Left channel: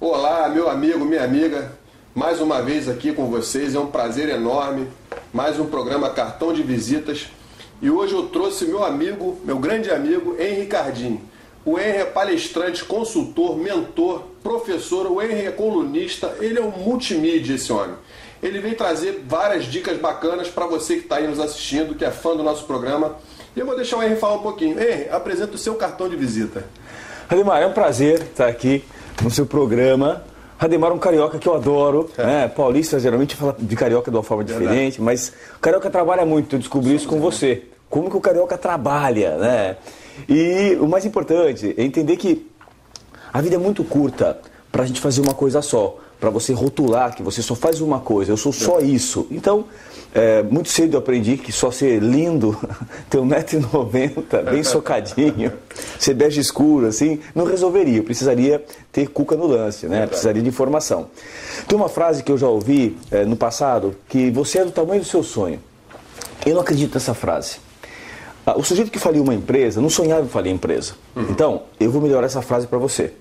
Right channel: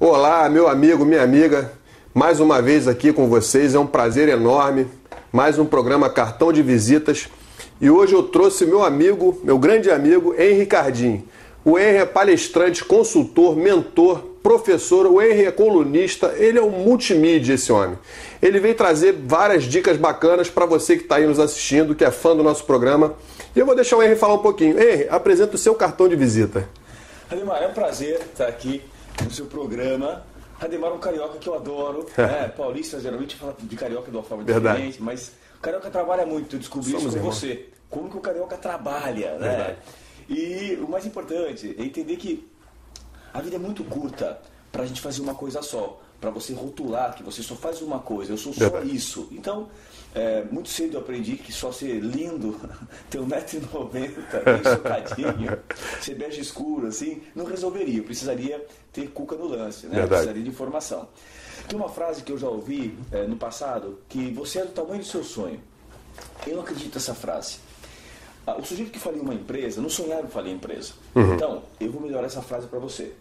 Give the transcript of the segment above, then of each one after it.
Olá, meu amigo, minha amiga, mais uma vez aqui com vocês, é um prazer enorme, mais um programa Cartão de Visitas, e hoje eu trouxe meu amigo, meu grande amigo, Henry Cardim. O Henry é palestrante, consultor, mentor, professor, o Henry é colunista, ele é um multimídia, esse homem. Ele vem trazer várias dicas bacanas para você que está aí nos assistindo, que é fã do nosso programa, e eu vou deixar o Henry falar um pouquinho. Henry, apresenta o seu cartão de visita. Ademar, é um prazer estar aqui no seu programa. Ademar é um carioca que eu adoro, né? Paulista geralmente fala de carioca de uma forma diferente, mas o carioca trabalha muito, eu descobri isso com você. Como que o carioca trabalha, né? E o mais importante é entender que a vida é muito curta para a gente fazer uma coisa só, para você rotular que você só faz uma coisa, eu sou só isso. Então, muito cedo eu aprendi que só ser lindo, ter 1,90 m, bem socadinho, ser bege escuro, assim, não resolveria. Eu precisaria ter cuca no lance, né? Precisaria de informação. Tem uma frase que eu já ouvi no passado, que você é do tamanho do seu sonho. Eu não acredito nessa frase. O sujeito que faliu uma empresa, não sonhava em falir a empresa. Então, eu vou melhorar essa frase para você.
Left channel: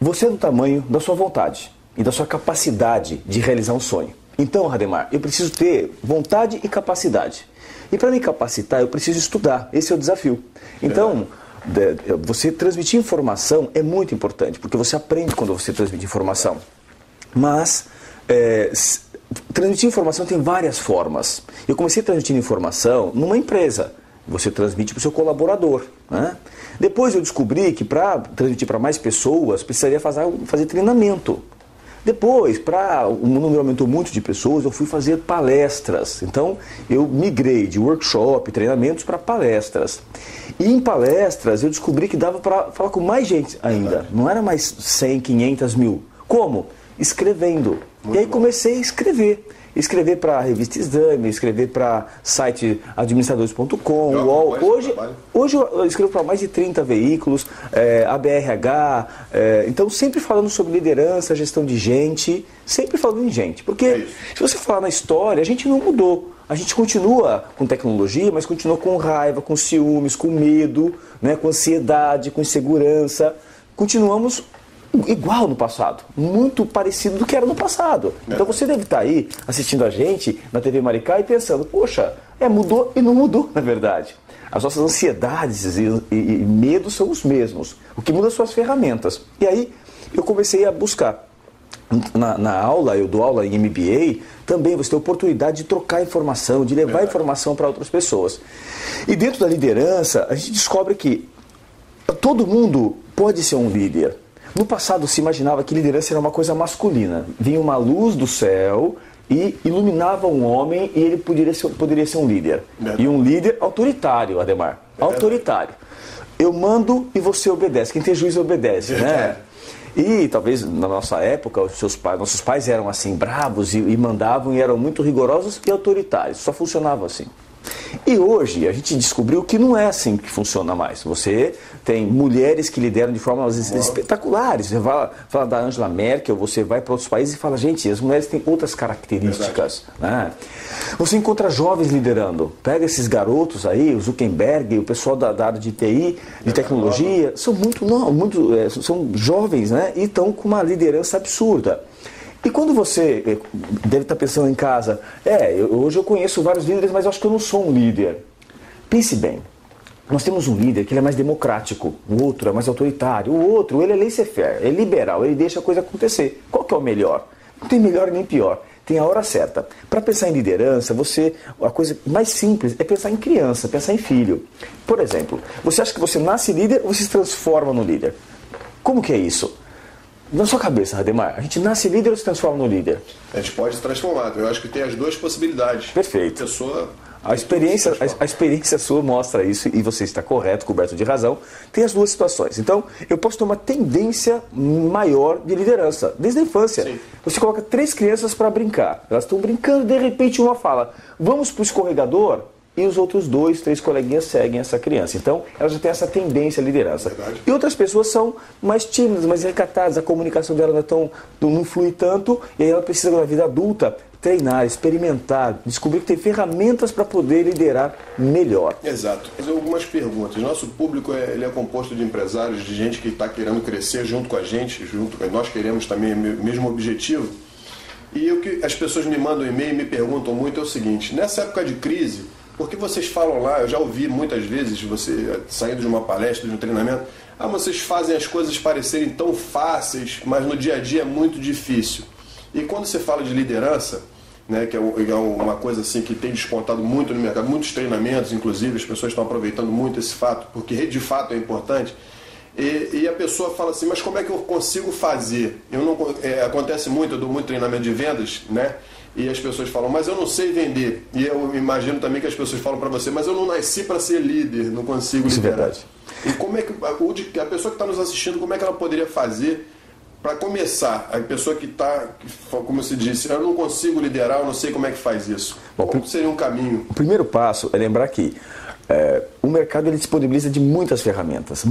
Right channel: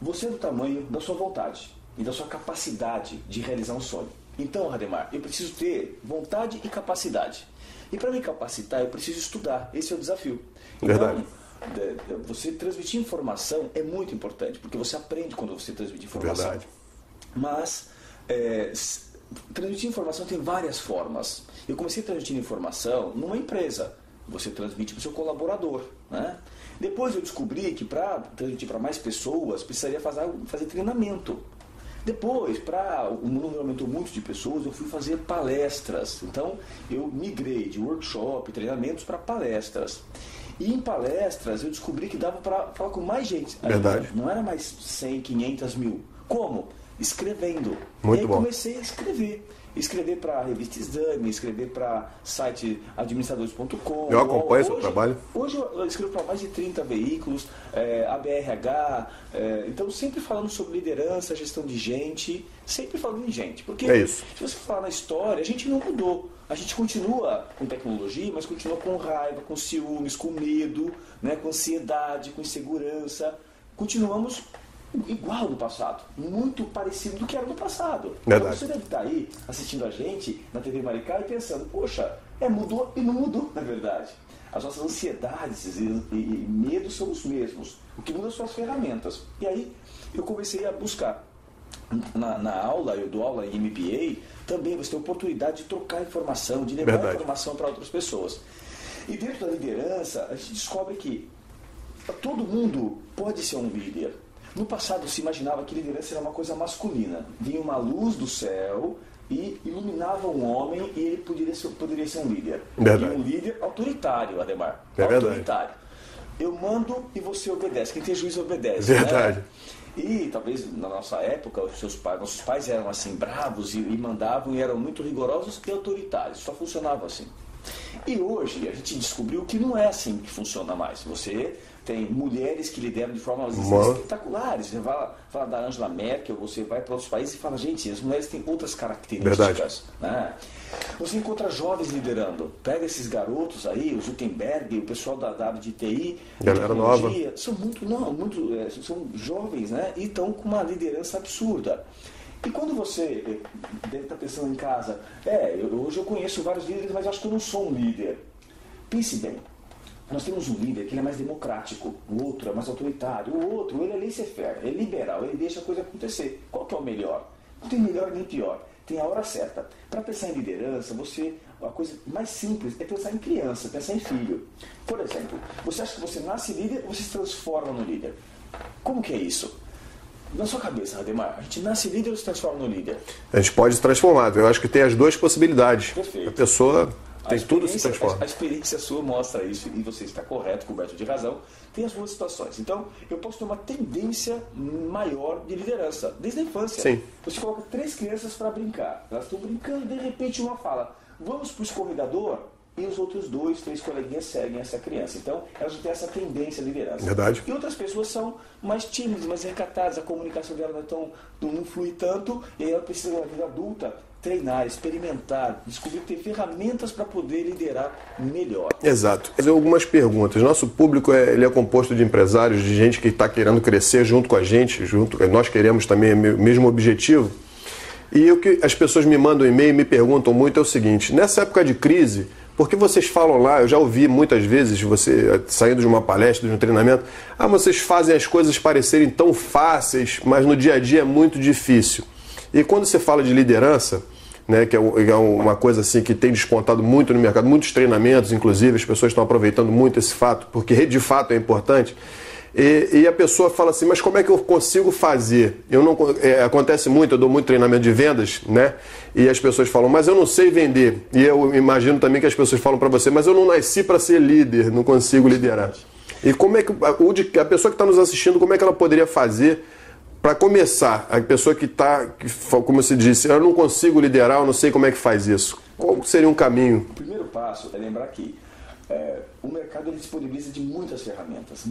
Você é do tamanho da sua vontade e da sua capacidade de realizar um sonho. Então, Ademar, eu preciso ter vontade e capacidade. E para me capacitar, eu preciso estudar. Esse é o desafio. Então, você transmitir informação é muito importante, porque você aprende quando você transmite informação. Mas, transmitir informação tem várias formas. Eu comecei transmitindo informação numa empresa. Você transmite para o seu colaborador, né? Depois eu descobri que para transmitir para mais pessoas, precisaria fazer treinamento. Depois, o número aumentou muito de pessoas, eu fui fazer palestras. Então, eu migrei de workshop, treinamentos para palestras. E em palestras, eu descobri que dava para falar com mais gente ainda. Não era mais 100, 500 mil. Como? Escrevendo. Muito e aí comecei a escrever. Escrever para a revista Exame, escrever para site administradores.com. Hoje eu escrevo para mais de 30 veículos, ABRH, então sempre falando sobre liderança, gestão de gente, sempre falando em gente. Porque se você falar na história, a gente não mudou. A gente continua com tecnologia, mas continua com raiva, com ciúmes, com medo, né, com ansiedade, com insegurança. Continuamos igual no passado, muito parecido do que era no passado. Então você deve estar aí assistindo a gente na TV Maricá e pensando, poxa, mudou e não mudou, na verdade. As nossas ansiedades e medos são os mesmos. O que muda são as ferramentas. E aí eu comecei a buscar. Na aula, eu dou aula em MBA, também você tem a oportunidade de trocar informação, de levar informação para outras pessoas. E dentro da liderança, a gente descobre que todo mundo pode ser um líder. No passado se imaginava que liderança era uma coisa masculina. Vinha uma luz do céu e iluminava um homem e ele poderia ser um líder. E um líder autoritário, Ademar. Autoritário. Eu mando e você obedece. Quem tem juízo obedece, né? E talvez na nossa época, nossos pais eram assim, bravos e mandavam e eram muito rigorosos e autoritários. Só funcionava assim. E hoje a gente descobriu que não é assim que funciona mais. Você tem mulheres que lideram de formas espetaculares. Você fala da Angela Merkel, você vai para outros países e fala, gente, as mulheres têm outras características. Né? Você encontra jovens liderando. Pega esses garotos aí, o Zuckerberg, o pessoal da área de TI, de tecnologia, são são jovens, né? E estão com uma liderança absurda. E quando você deve estar pensando em casa, hoje eu conheço vários líderes, mas eu acho que eu não sou um líder. Pense bem, nós temos um líder que ele é mais democrático, o outro é mais autoritário, o outro ele é laissez-faire, é liberal, ele deixa a coisa acontecer. Qual que é o melhor? Não tem melhor nem pior, tem a hora certa. Para pensar em liderança, a coisa mais simples é pensar em criança, pensar em filho. Por exemplo, você acha que você nasce líder ou você se transforma no líder? Como que é isso? Na sua cabeça, Ademar, a gente nasce líder ou se transforma no líder? A gente pode se transformar. Eu acho que tem as duas possibilidades. Perfeito. A pessoa... A experiência sua mostra isso e você está correto, coberto de razão. Tem as duas situações. Então, eu posso ter uma tendência maior de liderança, desde a infância. Sim. Você coloca 3 crianças para brincar. Elas estão brincando, de repente uma fala, vamos para o escorregador? E os outros 2, 3 coleguinhas seguem essa criança. Então, ela já tem essa tendência à liderança. Verdade. E outras pessoas são mais tímidas, mais recatadas, a comunicação dela não flui tanto, e aí ela precisa, na vida adulta, treinar, experimentar, descobrir que tem ferramentas para poder liderar melhor. Exato. Fazer algumas perguntas. Nosso público ele é composto de empresários, de gente que está querendo crescer junto com a gente, nós queremos também o mesmo objetivo. E o que as pessoas me mandam e-mail e me perguntam muito é o seguinte: nessa época de crise, porque vocês falam lá, eu já ouvi muitas vezes, você saindo de uma palestra, de um treinamento, vocês fazem as coisas parecerem tão fáceis, mas no dia a dia é muito difícil. E quando você fala de liderança, né, que é uma coisa assim que tem despontado muito no mercado, muitos treinamentos, inclusive, as pessoas estão aproveitando muito esse fato, porque de fato é importante. E a pessoa fala assim, mas como é que eu consigo fazer? Acontece muito, eu dou muito treinamento de vendas, né? E as pessoas falam, mas eu não sei vender. E eu imagino também que as pessoas falam para você, mas eu não nasci para ser líder, não consigo liderar. E como é que a pessoa que está nos assistindo, como é que ela poderia fazer para começar? A pessoa que está, como se disse, eu não consigo liderar, eu não sei como é que faz isso. Qual seria um caminho? O primeiro passo é lembrar que o mercado ele disponibiliza de muitas ferramentas.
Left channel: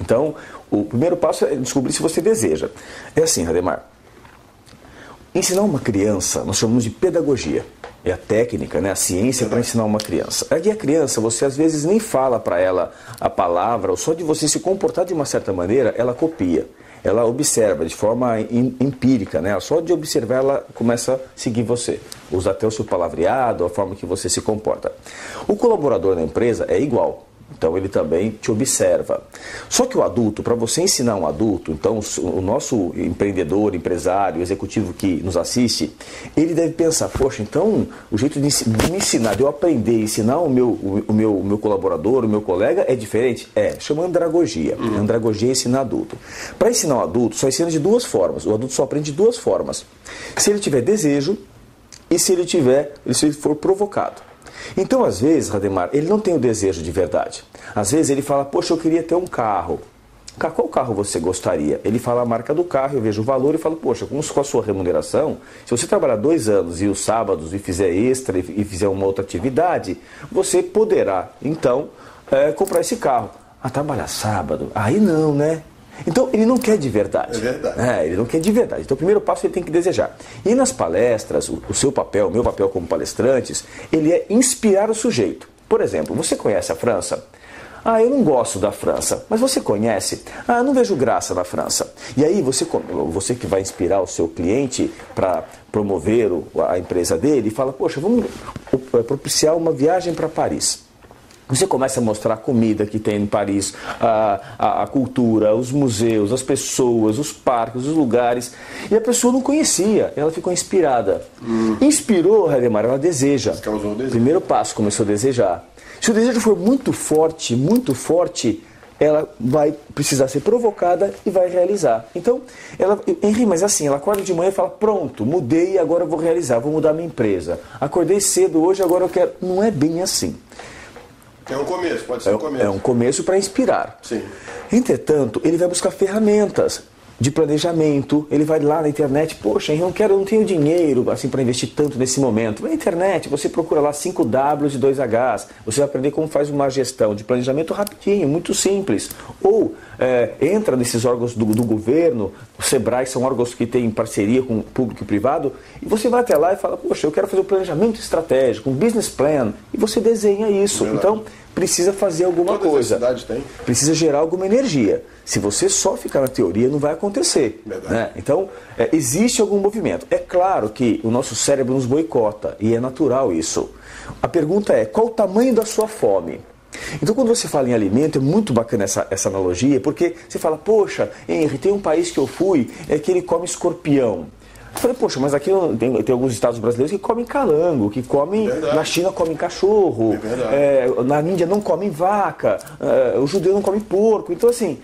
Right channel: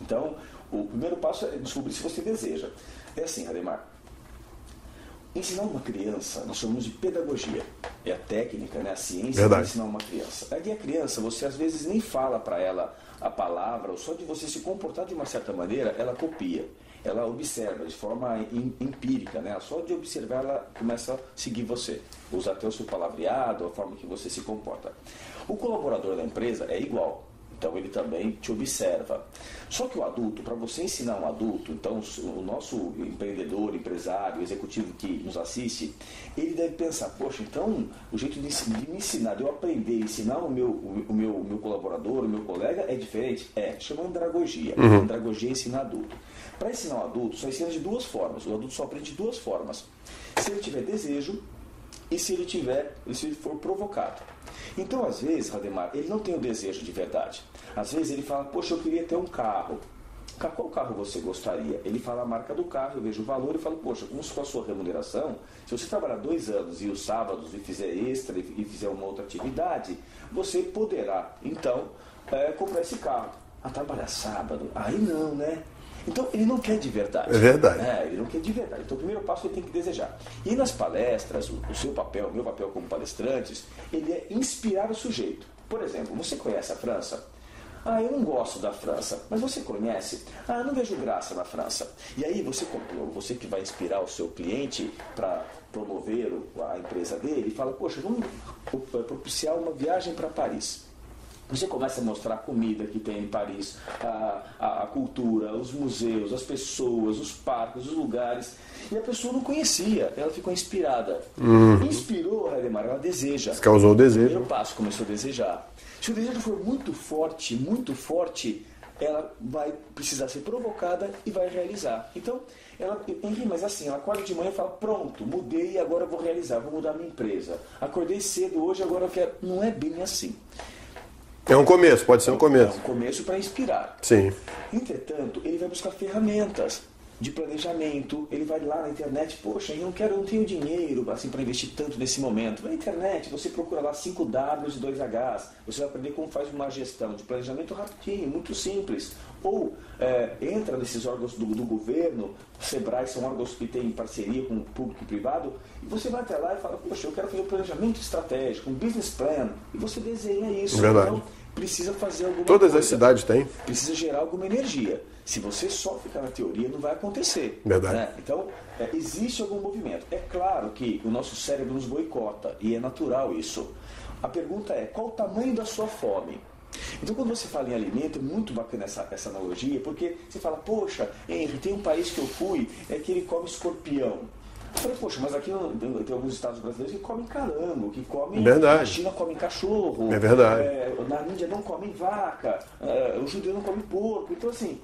Então, o primeiro passo é descobrir se você deseja. É assim, Rademar, ensinar uma criança, nós chamamos de pedagogia. É a técnica, né? A ciência para ensinar uma criança. Aí a criança, você às vezes nem fala para ela a palavra, ou só de você se comportar de uma certa maneira, ela copia. Ela observa de forma empírica, né? Só de observar ela começa a seguir você. Usa até o seu palavreado, a forma que você se comporta. O colaborador da empresa é igual. Então ele também te observa. Só que o adulto, para você ensinar um adulto, então o nosso empreendedor, empresário, executivo que nos assiste, ele deve pensar, poxa, então o jeito de me ensinar, de eu aprender a ensinar o meu colaborador, o meu colega é diferente? Chama andragogia. Andragogia é ensinar adulto. Para ensinar um adulto, só ensina de duas formas. O adulto só aprende de duas formas. Se ele tiver desejo e se ele for provocado. Então, às vezes, Rademar, ele não tem o desejo de verdade. Às vezes ele fala, poxa, eu queria ter um carro. Qual carro você gostaria? Ele fala a marca do carro, eu vejo o valor e falo, poxa, com a sua remuneração, se você trabalhar 2 anos e os sábados e fizer extra e fizer uma outra atividade, você poderá, então, comprar esse carro. Trabalhar sábado? Aí não, né? Então, ele não quer de verdade. É verdade. Ele não quer de verdade. Então, o primeiro passo ele tem que desejar. E nas palestras, o seu papel, o meu papel como palestrantes, ele é inspirar o sujeito. Por exemplo, você conhece a França? Eu não gosto da França. Mas você conhece? Não vejo graça na França. E aí, você que vai inspirar o seu cliente para promover a empresa dele, fala, poxa, vamos propiciar uma viagem para Paris. Você começa a mostrar a comida que tem em Paris, a cultura, os museus, as pessoas, os parques, os lugares. E a pessoa não conhecia, ela ficou inspirada. Inspirou, Rademar, ela deseja. Causou o desejo. Primeiro passo, começou a desejar. Se o desejo for muito forte, ela vai precisar ser provocada e vai realizar. Então, Henri, mas assim, ela acorda de manhã e fala, pronto, mudei, agora eu vou realizar, vou mudar minha empresa. Acordei cedo hoje, agora eu quero. Não é bem assim. É um começo, pode ser um começo. É um começo para inspirar. Sim. Entretanto, ele vai buscar ferramentas de planejamento, ele vai lá na internet, poxa, eu não tenho dinheiro assim, para investir tanto nesse momento. Na internet, você procura lá 5 Ws e 2 Hs, você vai aprender como faz uma gestão de planejamento rapidinho, muito simples. Ou entra nesses órgãos do governo, o Sebrae são órgãos que têm parceria com o público e privado, e você vai até lá e fala, poxa, eu quero fazer um planejamento estratégico, um business plan, e você desenha isso. Verdade. Então, precisa fazer alguma coisa. Todas as cidades têm. Precisa gerar alguma energia. Se você só ficar na teoria, não vai acontecer. Verdade. Né? Então, existe algum movimento. É claro que o nosso cérebro nos boicota, e é natural isso. A pergunta é, qual o tamanho da sua fome? Então, quando você fala em alimento, é muito bacana essa analogia, porque você fala, poxa, Henri, tem um país que eu fui, que ele come escorpião. Eu falei, poxa, mas aqui tem alguns estados brasileiros que comem calango, que comem... Verdade. Na China comem cachorro. É verdade. Na Índia não comem vaca. O judeu não come porco. Então, assim,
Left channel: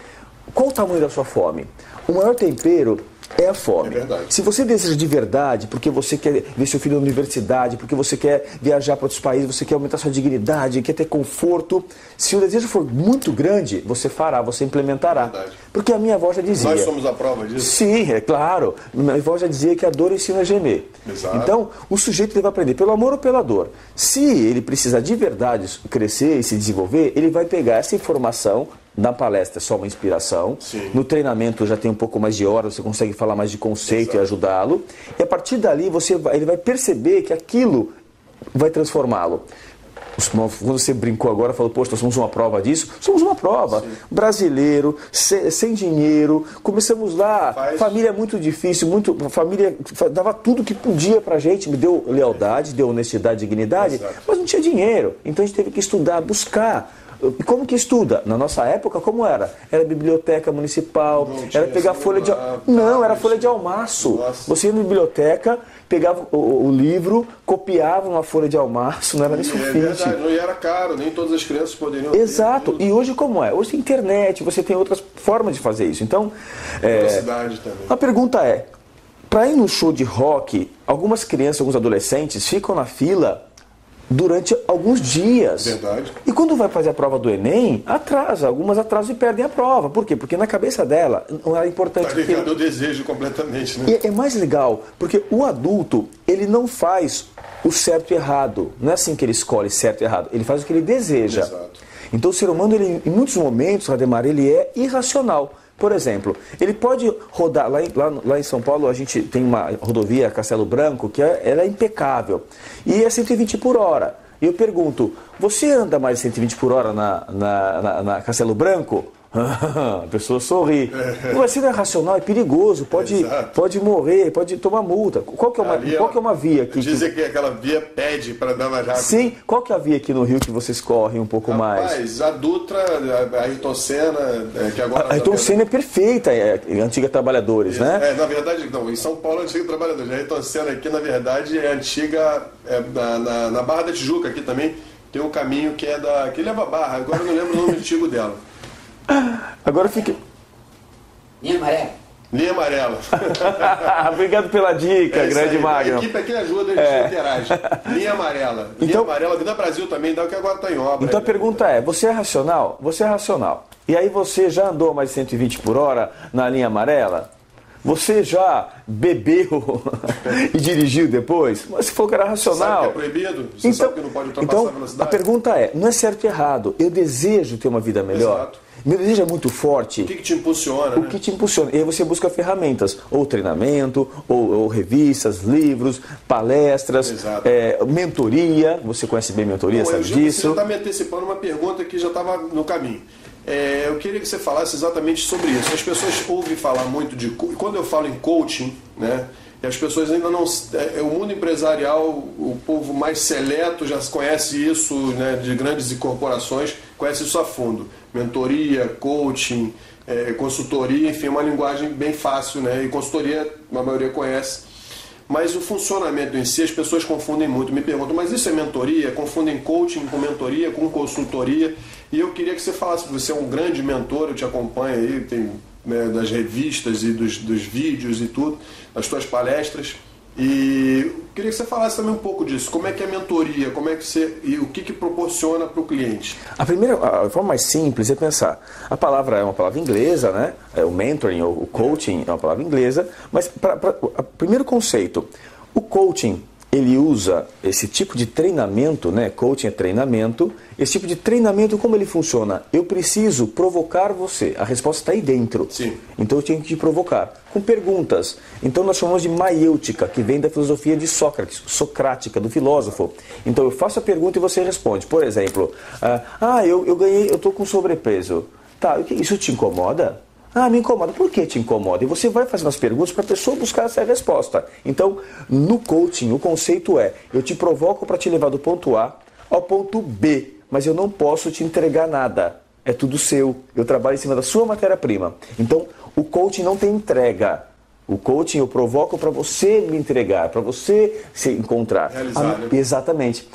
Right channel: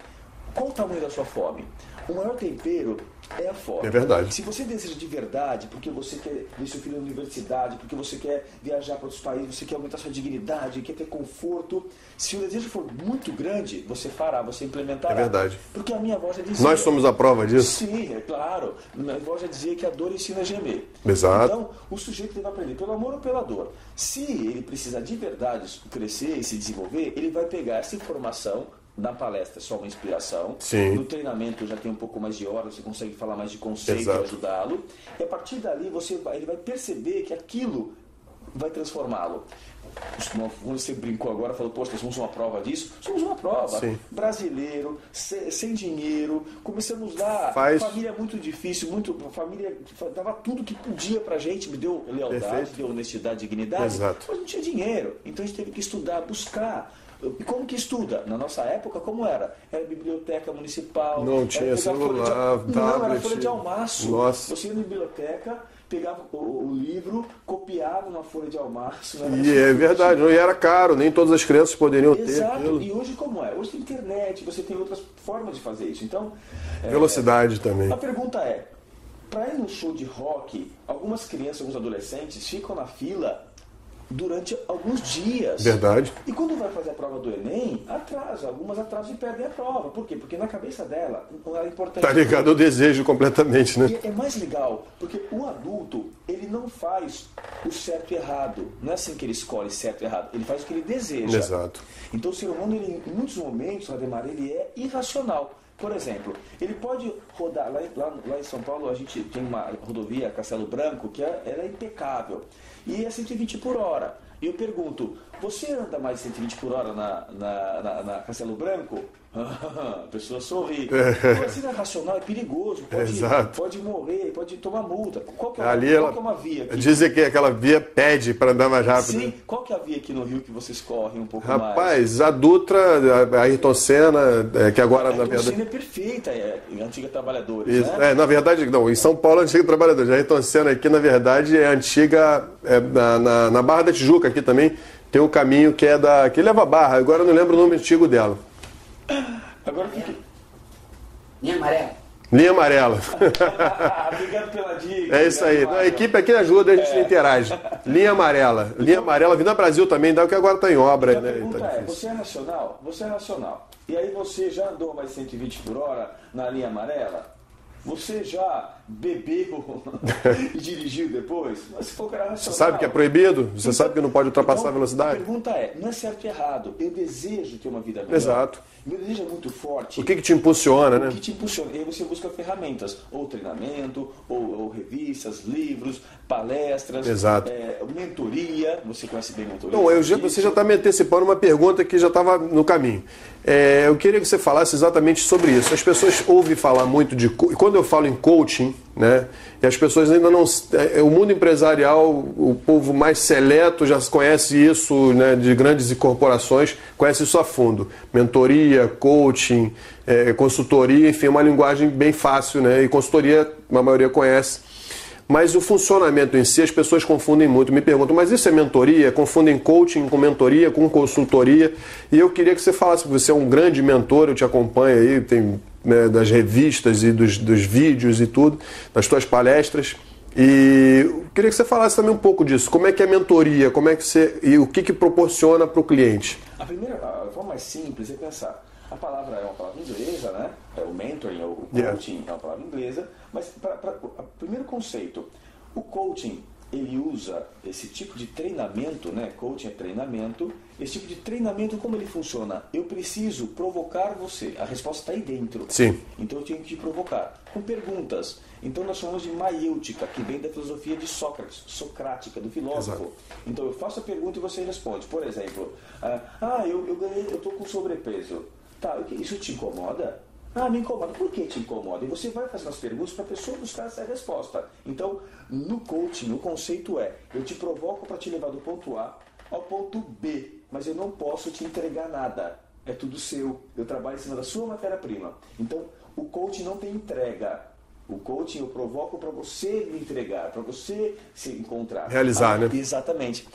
qual o tamanho da sua fome? O maior tempero é a fome. É verdade. Se você deseja de verdade, porque você quer ver seu filho na universidade, porque você quer viajar para outros países, você quer aumentar sua dignidade, quer ter conforto, se o desejo for muito grande, você fará, você implementará. É verdade. Porque a minha avó já dizia... Nós somos a prova disso? Sim, é claro. Minha avó já dizia que a dor ensina a gemer. Exato. Então, o sujeito deve aprender pelo amor ou pela dor. Se ele precisar de verdade crescer e se desenvolver, ele vai pegar essa informação Na palestra é só uma inspiração. Sim. No treinamento já tem um pouco mais de horas, você consegue falar mais de conceito. Exato. E ajudá-lo. E a partir dali ele vai perceber que aquilo vai transformá-lo. Quando você brincou agora, falou, poxa, nós somos uma prova disso. Somos uma prova. Sim. Brasileiro, sem dinheiro, começamos lá, família é muito difícil, a família dava tudo que podia pra gente, me deu lealdade, deu honestidade, dignidade, exato, mas não tinha dinheiro. Então a gente teve que estudar, buscar. E como que estuda? Na nossa época, como era? Era biblioteca municipal, era pegar folha de... Não, era folha de almaço. Nossa. Você ia na biblioteca, pegava o livro, copiava uma folha de almaço, não era nem sulfite. É verdade, e era caro, nem todas as crianças poderiam ter. Exato, e hoje como é? Hoje tem internet, você tem outras formas de fazer isso. Então, velocidade também. A pergunta é, para ir no show de rock, algumas crianças, alguns adolescentes ficam na fila durante alguns dias. Verdade. E quando vai fazer a prova do Enem, algumas atrasam e perdem a prova. Por quê? Porque na cabeça dela não era importante. Está ligado ao desejo completamente, né? E é mais legal, porque o adulto, ele não faz o certo e errado. Não é assim que ele escolhe certo e errado. Ele faz o que ele deseja. Exato. Então o ser humano, ele, em muitos momentos, Rademar, ele é irracional. Por exemplo, ele pode rodar, lá em São Paulo a gente tem uma rodovia Castelo Branco que ela é impecável e é 120 por hora. E eu pergunto, você anda mais de 120 por hora na Castelo Branco? A pessoa sorri. Mas se não é racional, é perigoso, pode morrer, pode tomar multa. Qual que é uma via aqui? Dizem que aquela via pede para andar mais rápido. Sim, qual que é a via aqui no Rio que vocês correm um pouco mais? Rapaz, a Dutra, a Ayrton Senna, que agora... A Ayrton Senna é perfeita, é antiga Trabalhadores, né? Na verdade, não, em São Paulo é antiga Trabalhadores. A Ayrton Senna aqui, na verdade, é antiga, na Barra da Tijuca aqui também, tem um caminho que leva a Barra, agora eu não lembro o nome antigo dela. Agora fica... Linha amarela. Linha amarela. Obrigado pela dica, grande Magno. A equipe aqui ajuda, a gente interage. Linha amarela. Linha amarela, Avenida Brasil também, dá o que agora está em obra. Então a pergunta é, você é racional? Você é racional. E aí você já andou mais de 120 por hora na linha amarela? Você já bebeu e dirigiu depois? Mas você falou que era racional. Sabe que é proibido? Você sabe que não pode ultrapassar a velocidade? A pergunta é, não é certo e errado. Eu desejo ter uma vida melhor. Exato. Meu desejo é muito forte. O que te impulsiona, né? O que te impulsiona? E aí você busca ferramentas, ou treinamento, ou revistas, livros, palestras, mentoria. Você conhece bem mentoria? Você já está me antecipando uma pergunta que já estava no caminho. Eu queria que você falasse exatamente sobre isso. As pessoas ouvem falar muito de... Quando eu falo em coaching, né? E as pessoas ainda não... O mundo empresarial, o povo mais seleto já conhece isso, né, de grandes corporações, conhece isso a fundo. Mentoria, coaching, consultoria, enfim, é uma linguagem bem fácil, né? E consultoria, a maioria conhece. Mas o funcionamento em si, as pessoas confundem muito. Me perguntam, mas isso é mentoria? Confundem coaching com mentoria, com consultoria. E eu queria que você falasse, você é um grande mentor, eu te acompanho aí, tem... das revistas e dos vídeos e tudo, das tuas palestras. E eu queria que você falasse também um pouco disso. Como é que é a mentoria? Como é que e o que proporciona para o cliente? A forma mais simples é pensar. A palavra é uma palavra inglesa, né? O mentoring ou o coaching é uma palavra inglesa. Mas, primeiro conceito, o coaching, ele usa esse tipo de treinamento, né? Coaching é treinamento. Esse tipo de treinamento, como ele funciona? Eu preciso provocar você. A resposta está aí dentro. Sim. Então eu tenho que te provocar. Com perguntas. Então nós chamamos de maiêutica, que vem da filosofia de Sócrates, socrática, do filósofo. Então eu faço a pergunta e você responde. Por exemplo, eu estou com sobrepeso. Tá, isso te incomoda? Me incomoda. Por que te incomoda? E você vai fazendo as perguntas para a pessoa buscar essa resposta. Então, no coaching, o conceito é, eu te provoco para te levar do ponto A ao ponto B, mas eu não posso te entregar nada. É tudo seu. Eu trabalho em cima da sua matéria-prima. Então, o coaching não tem entrega. O coaching eu provoco para você me entregar, para você se encontrar. Realizar, né? Exatamente.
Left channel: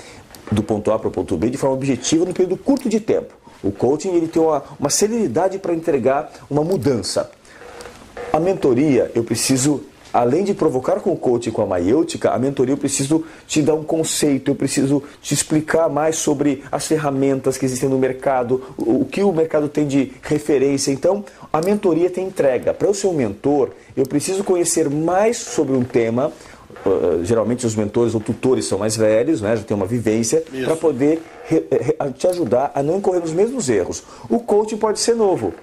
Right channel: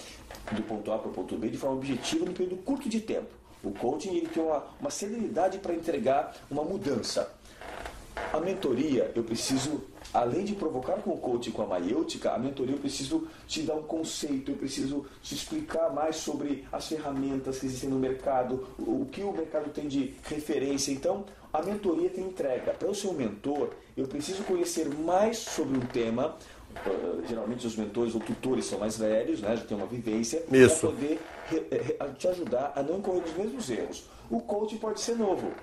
Do ponto A para o ponto B, de forma objetiva, num período curto de tempo. O coaching ele tem uma celeridade para entregar uma mudança. A mentoria, eu preciso, além de provocar com o coaching, com a maiêutica, a mentoria eu preciso te dar um conceito, eu preciso te explicar mais sobre as ferramentas que existem no mercado, o que o mercado tem de referência. Então, a mentoria tem entrega. Para eu ser um mentor, eu preciso conhecer mais sobre um tema, geralmente os mentores ou tutores são mais velhos, né? Já tem uma vivência, para poder te ajudar a não incorrer nos mesmos erros. O coaching pode ser novo.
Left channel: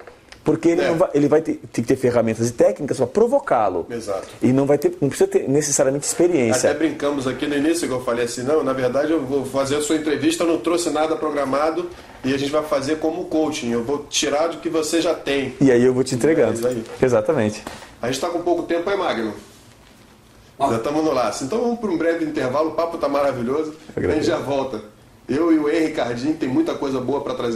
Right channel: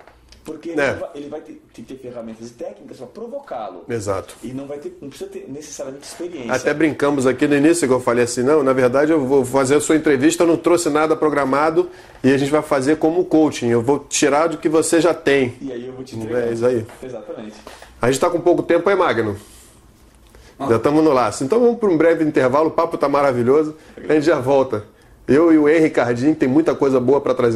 Porque ele vai ter que ter ferramentas e técnicas para provocá-lo. Exato. E não precisa ter necessariamente experiência. Até brincamos aqui no início que eu falei assim, não, na verdade eu vou fazer a sua entrevista, eu não trouxe nada programado e a gente vai fazer como coaching. Eu vou tirar do que você já tem. E aí eu vou te entregando. É isso aí. Exatamente. A gente está com pouco tempo aí, Magno. Já estamos no laço. Então vamos para um breve intervalo, o papo está maravilhoso. A gente já volta. Eu e o Henrique Cardim tem muita coisa boa para trazer.